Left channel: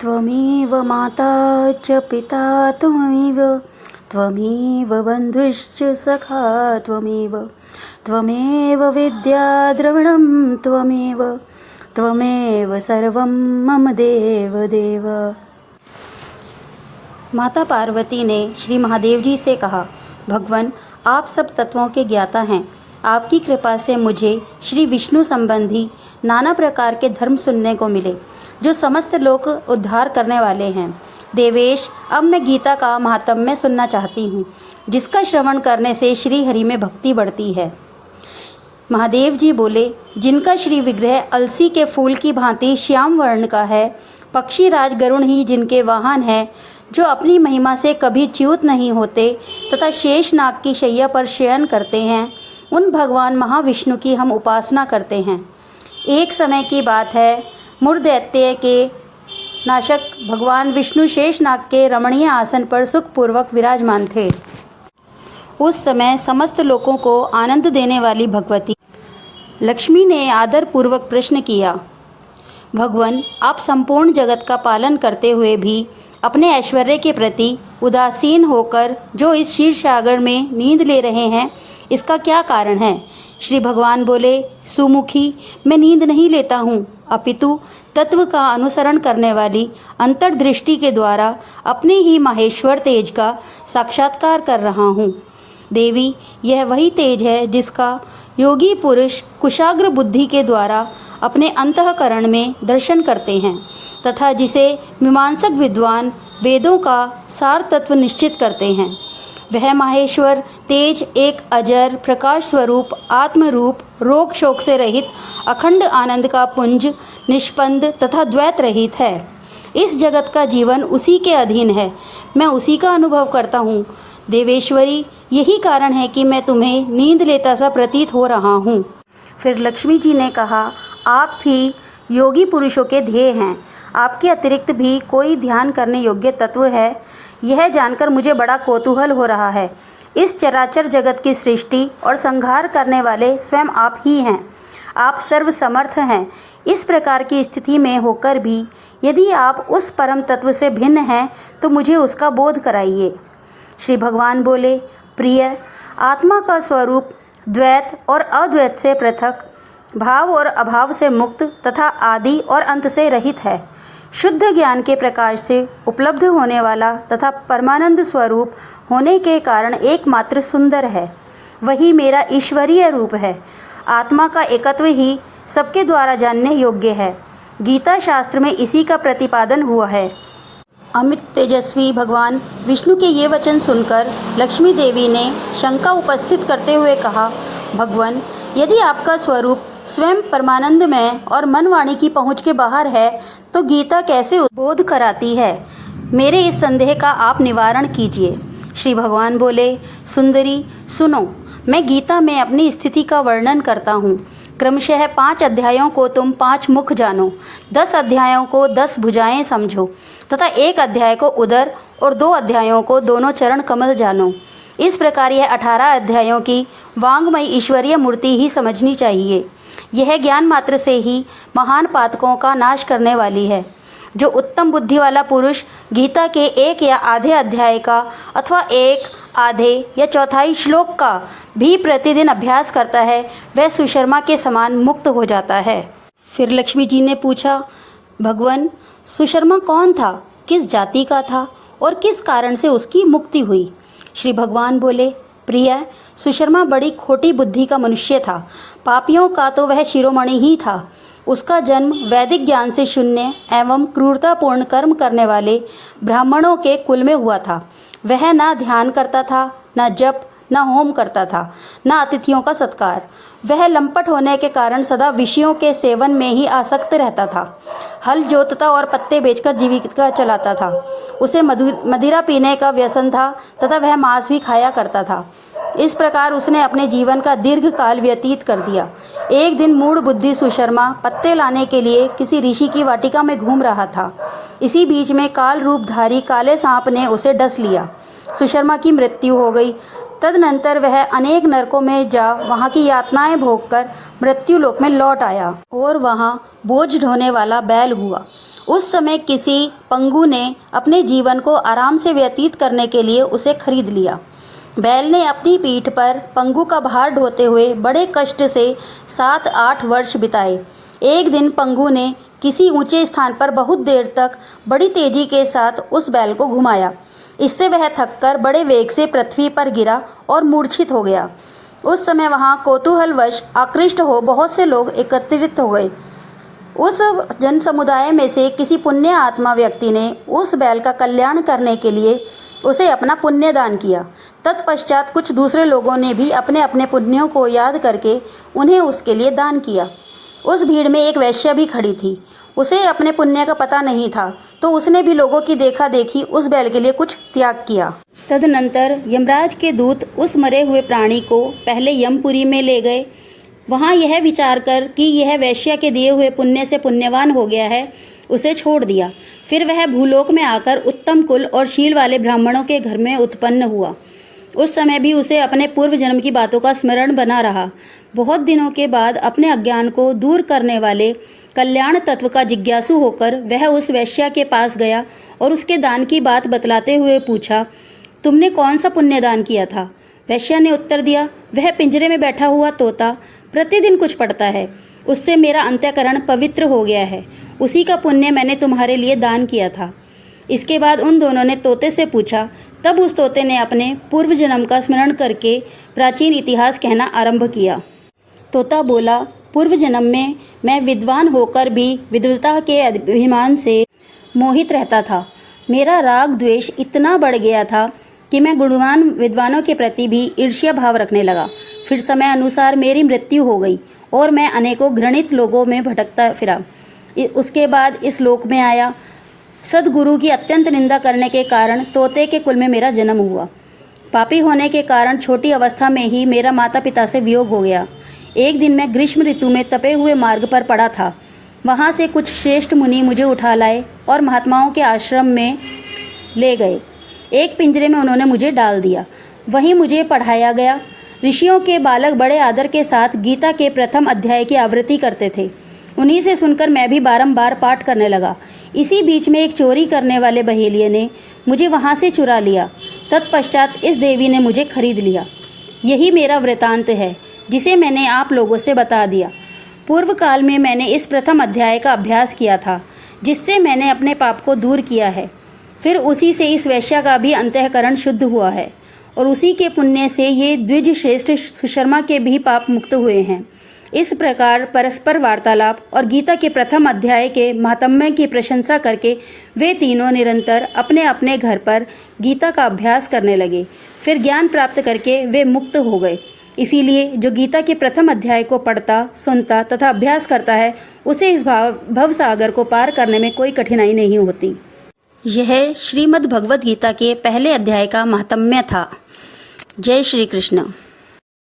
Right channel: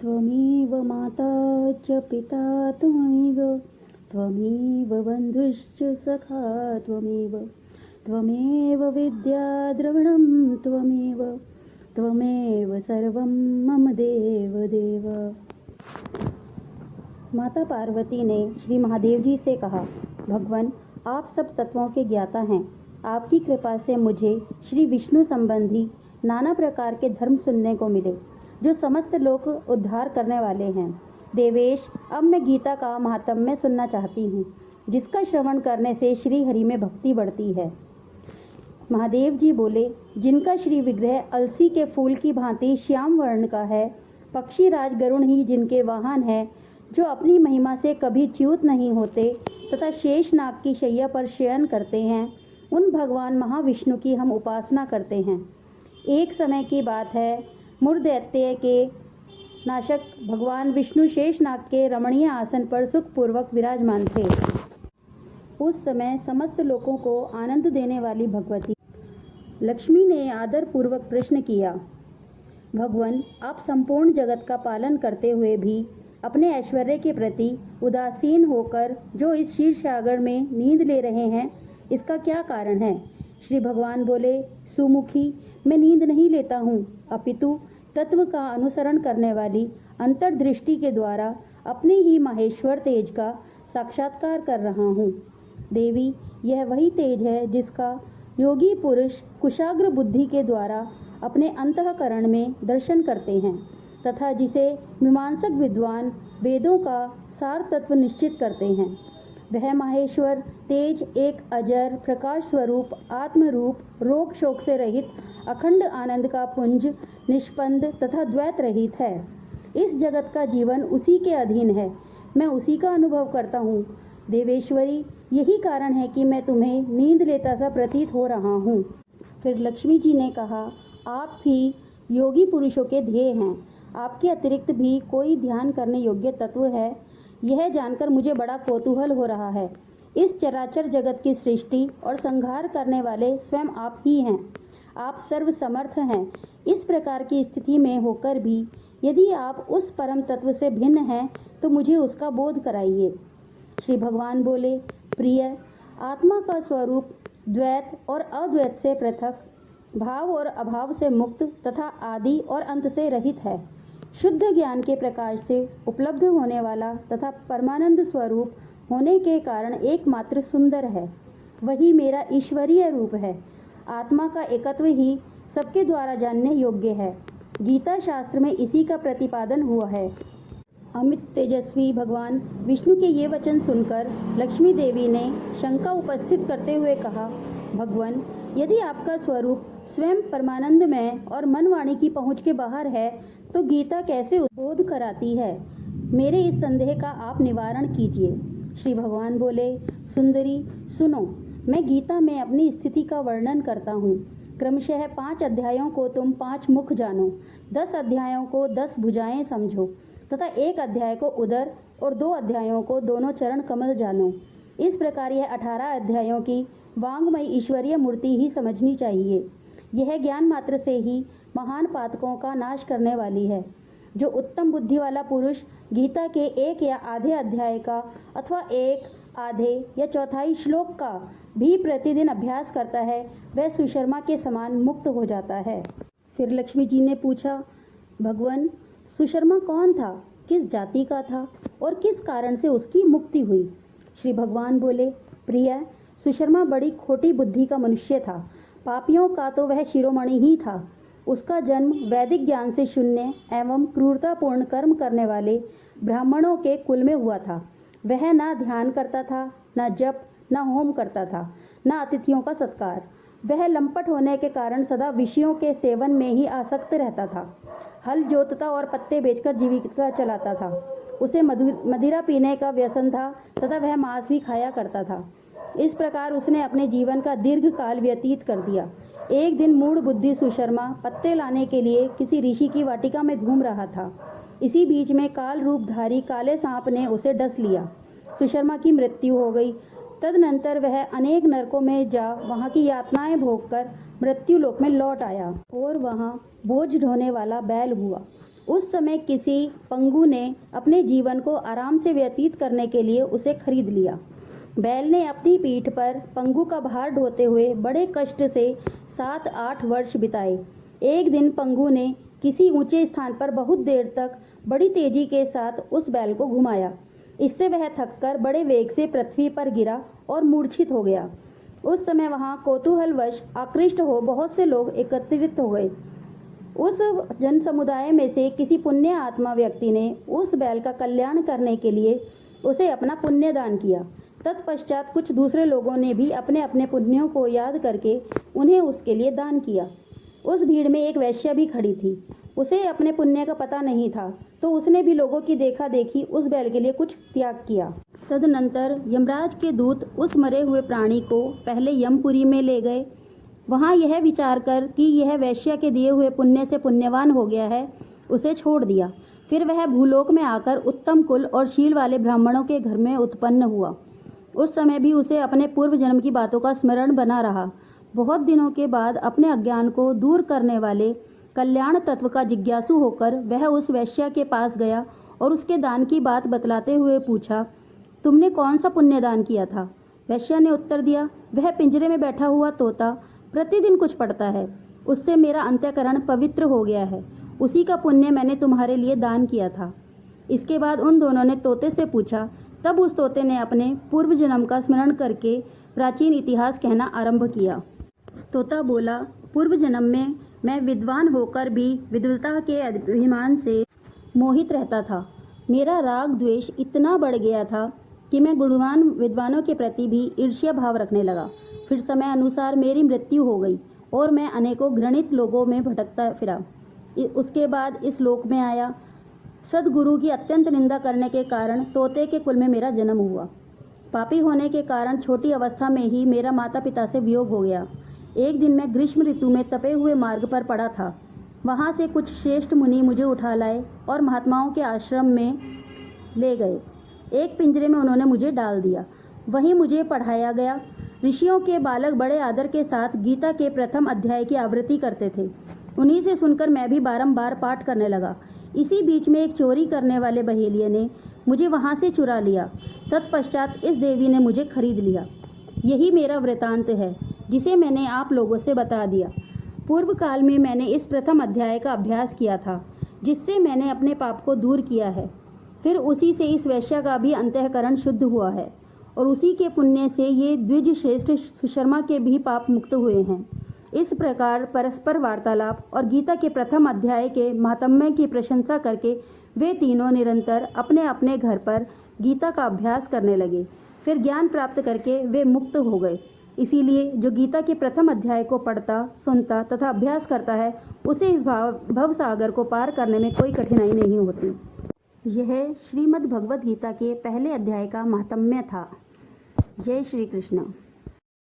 त्वमेव माता च पिता त्वमेव, त्वमेव बन्धुश्च सखा त्वमेव, त्वमेव विद्या द्रविणं त्वमेव, त्वमेव सर्वं मम देव देव। माता पार्वती ने श्री महादेव जी से कहा, भगवान, आप सब तत्वों के ज्ञाता हैं। आपकी कृपा से मुझे श्री विष्णु संबंधी नाना प्रकार के धर्म सुनने को मिले, जो समस्त लोक उद्धार करने वाले हैं। देवेश, अब मैं गीता का महात्म्य सुनना चाहती हूँ, जिसका श्रवण करने से श्री हरि में भक्ति बढ़ती है। महादेव जी बोले, जिनका श्री विग्रह अलसी के फूल की भांति श्याम वर्ण का है, पक्षी राज गरुण ही जिनके वाहन हैं, जो अपनी महिमा से कभी च्युत नहीं होते तथा शेष नाग की शैया पर शयन करते हैं, उन भगवान महाविष्णु की हम उपासना करते हैं। एक समय की बात है, मुरदैत्य के नाशक भगवान विष्णु शेष नाग के रमणीय आसन पर सुखपूर्वक विराजमान थे। उस समय समस्त लोगों को आनंद देने वाली भगवती लक्ष्मी ने आदर पूर्वक प्रश्न किया, भगवान, आप संपूर्ण जगत का पालन करते हुए भी अपने ऐश्वर्य के प्रति उदासीन होकर जो इस क्षीर सागर में नींद ले रहे हैं, इसका क्या कारण है? श्री भगवान बोले, सुमुखी, मैं नींद नहीं लेता हूँ, अपितु तत्व का अनुसरण करने वाली अंतर्दृष्टि के द्वारा अपने ही माहेश्वर तेज का साक्षात्कार कर रहा हूँ। देवी, यह वही तेज है जिसका योगी पुरुष कुशाग्र बुद्धि के द्वारा अपने अंतःकरण में दर्शन करते हैं तथा जिसे मीमांसक विद्वान वेदों का सार तत्व निश्चित करते हैं। वह माहेश्वर तेज एक अजर प्रकाश स्वरूप आत्मरूप, रोग शोक से रहित अखंड आनंद का पुंज, निष्पंद तथा द्वैत रहित है। इस जगत का जीवन उसी के अधीन है, मैं उसी का अनुभव करता हूँ। देवेश्वरी, यही कारण है कि मैं तुम्हें नींद लेता सा प्रतीत हो रहा हूँ। फिर लक्ष्मी जी ने कहा, आप भी योगी पुरुषों के ध्येय हैं। आपके अतिरिक्त भी कोई ध्यान करने योग्य तत्व है, यह जानकर मुझे बड़ा कौतूहल हो रहा है। इस चराचर जगत की सृष्टि और संहार करने वाले स्वयं आप ही हैं। आप सर्वसमर्थ हैं। इस प्रकार की स्थिति में होकर भी यदि आप उस परम तत्व से भिन्न हैं तो मुझे उसका बोध कराइए। श्री भगवान बोले, प्रिय, आत्मा का स्वरूप द्वैत और अद्वैत से पृथक, भाव और अभाव से मुक्त तथा आदि और अंत से रहित है। शुद्ध ज्ञान के प्रकाश से उपलब्ध होने वाला तथा परमानंद स्वरूप होने के कारण एकमात्र सुंदर है। वही मेरा ईश्वरीय रूप है। आत्मा का एकत्व ही सबके द्वारा जानने योग्य है। गीता शास्त्र में इसी का प्रतिपादन हुआ है। अमित तेजस्वी भगवान विष्णु के ये वचन सुनकर लक्ष्मी देवी ने शंका उपस्थित करते हुए कहा, भगवान, यदि आपका स्वरूप स्वयं परमानंदमय और मन वाणी की पहुँच के बाहर है तो गीता कैसे बोध कराती है? मेरे इस संदेह का आप निवारण कीजिए। श्री भगवान बोले, सुंदरी, सुनो, मैं गीता में अपनी स्थिति का वर्णन करता हूँ। क्रमशः 5 अध्यायों को तुम 5 मुख जानो, 10 अध्यायों को 10 भुजाएं समझो तथा 1 अध्याय को उदर और 2 अध्यायों को दोनों चरण कमल जानो। इस प्रकार यह 18 अध्यायों की वांगमय ईश्वरीय मूर्ति ही समझनी चाहिए। यह ज्ञान मात्र से ही महान पातकों का नाश करने वाली है। जो उत्तम बुद्धि वाला पुरुष गीता के 1 या आधे अध्याय का अथवा 1 आधे या चौथाई श्लोक का भी प्रतिदिन अभ्यास करता है, वह सुशर्मा के समान मुक्त हो जाता है। फिर लक्ष्मी जी ने पूछा, भगवान, सुशर्मा कौन था, किस जाति का था और किस कारण से उसकी मुक्ति हुई? श्री भगवान बोले, प्रिय, सुशर्मा बड़ी खोटी बुद्धि का मनुष्य था। पापियों का तो वह शिरोमणि ही था। उसका जन्म वैदिक ज्ञान से शून्य एवं क्रूरतापूर्ण कर्म करने वाले ब्राह्मणों के कुल में हुआ था। वह ना ध्यान करता था, न जप, न होम करता था, न अतिथियों का सत्कार। वह लंपट होने के कारण सदा विषयों के सेवन में ही आसक्त रहता था। हल जोतता और पत्ते बेचकर जीविका चलाता था। उसे मदिरा पीने का व्यसन था तथा वह मांस भी खाया करता था। इस प्रकार उसने अपने जीवन का दीर्घ काल व्यतीत कर दिया। एक दिन मूढ़ बुद्धि सुशर्मा पत्ते लाने के लिए किसी ऋषि की वाटिका में घूम रहा था। इसी बीच में काल रूपधारी काले सांप ने उसे डस लिया। सुशर्मा की मृत्यु हो गई। तदनंतर वह अनेक नरकों में जा वहाँ की यातनाएं भोगकर मृत्यु लोक में लौट आया और वहाँ बोझ ढोने वाला बैल हुआ। उस समय किसी पंगु ने अपने जीवन को आराम से व्यतीत करने के लिए उसे खरीद लिया। बैल ने अपनी पीठ पर पंगु का भार ढोते हुए बड़े कष्ट से 7-8 वर्ष बिताए। एक दिन पंगु ने किसी ऊंचे स्थान पर बहुत देर तक बड़ी तेजी के साथ उस बैल को घुमाया। इससे वह थककर बड़े वेग से पृथ्वी पर गिरा और मूर्छित हो गया। उस समय वहां कौतूहलवश आकृष्ट हो बहुत से लोग एकत्रित हो गए। उस जन समुदाय में से किसी पुण्य आत्मा व्यक्ति ने उस बैल का कल्याण करने के लिए उसे अपना पुण्य दान किया। तत्पश्चात कुछ दूसरे लोगों ने भी अपने अपने पुण्यों को याद करके उन्हें उसके लिए दान किया। उस भीड़ में एक वैश्य भी खड़ी थी। उसे अपने पुण्य का पता नहीं था, तो उसने भी लोगों की देखा देखी उस बैल के लिए कुछ त्याग किया। तदनंतर यमराज के दूत उस मरे हुए प्राणी को पहले यमपुरी में ले गए। वहाँ यह विचार कर कि यह वैश्य के दिए हुए पुण्य से पुण्यवान हो गया है, उसे छोड़ दिया। फिर वह भूलोक में आकर उत्तम कुल और शील वाले ब्राह्मणों के घर में उत्पन्न हुआ। उस समय भी उसे अपने पूर्व जन्म की बातों का स्मरण बना रहा। बहुत दिनों के बाद अपने अज्ञान को दूर करने वाले कल्याण तत्व का जिज्ञासु होकर वह उस वैश्य के पास गया और उसके दान की बात बतलाते हुए पूछा, तुमने कौन सा पुण्य दान किया था? वैश्य ने उत्तर दिया, वह पिंजरे में बैठा हुआ तोता प्रतिदिन कुछ पढ़ता है, उससे मेरा अंतःकरण पवित्र हो गया है, उसी का पुण्य मैंने तुम्हारे लिए दान किया था। इसके बाद उन दोनों ने तोते से पूछा। तब उस तोते ने अपने पूर्व जन्म का स्मरण करके प्राचीन इतिहास कहना आरंभ किया। तोता बोला, पूर्व जन्म में मैं विद्वान होकर भी विद्वता के अभिमान से मोहित रहता था। मेरा राग द्वेष इतना बढ़ गया था कि मैं गुणवान विद्वानों के प्रति भी ईर्ष्या भाव रखने लगा। फिर समय अनुसार मेरी मृत्यु हो गई और मैं अनेकों घृणित लोगों में भटकता फिरा। उसके बाद इस लोक में आया। सद्गुरु की अत्यंत निंदा करने के कारण तोते के कुल में मेरा जन्म हुआ। पापी होने के कारण छोटी अवस्था में ही मेरा माता पिता से वियोग हो गया। एक दिन मैं ग्रीष्म ऋतु में तपे हुए मार्ग पर पड़ा था। वहाँ से कुछ श्रेष्ठ मुनि मुझे उठा लाए और महात्माओं के आश्रम में ले गए। एक पिंजरे में उन्होंने मुझे डाल दिया। वहीं मुझे पढ़ाया गया। ऋषियों के बालक बड़े आदर के साथ गीता के प्रथम अध्याय की आवृत्ति करते थे। उन्हीं से सुनकर मैं भी बारंबार पाठ करने लगा। इसी बीच में एक चोरी करने वाले बहेलिये ने मुझे वहाँ से चुरा लिया। तत्पश्चात इस देवी ने मुझे खरीद लिया। यही मेरा वृतांत है, जिसे मैंने आप लोगों से बता दिया। पूर्व काल में मैंने इस प्रथम अध्याय का अभ्यास किया था, जिससे मैंने अपने पाप को दूर किया है। फिर उसी से इस वैश्य का भी अंतःकरण शुद्ध हुआ है और उसी के पुण्य से ये द्विज श्रेष्ठ सुशर्मा के भी पाप मुक्त हुए हैं। इस प्रकार परस्पर वार्तालाप और गीता के प्रथम अध्याय के महात्म्य की प्रशंसा करके वे तीनों निरंतर अपने अपने घर पर गीता का अभ्यास करने लगे। फिर ज्ञान प्राप्त करके वे मुक्त हो गए। इसीलिए जो गीता के प्रथम अध्याय को पढ़ता, सुनता तथा अभ्यास करता है, उसे इस भव सागर को पार करने में कोई कठिनाई नहीं होती। यह श्रीमद् भगवद गीता के पहले अध्याय का महात्म्य था। जय श्री कृष्ण।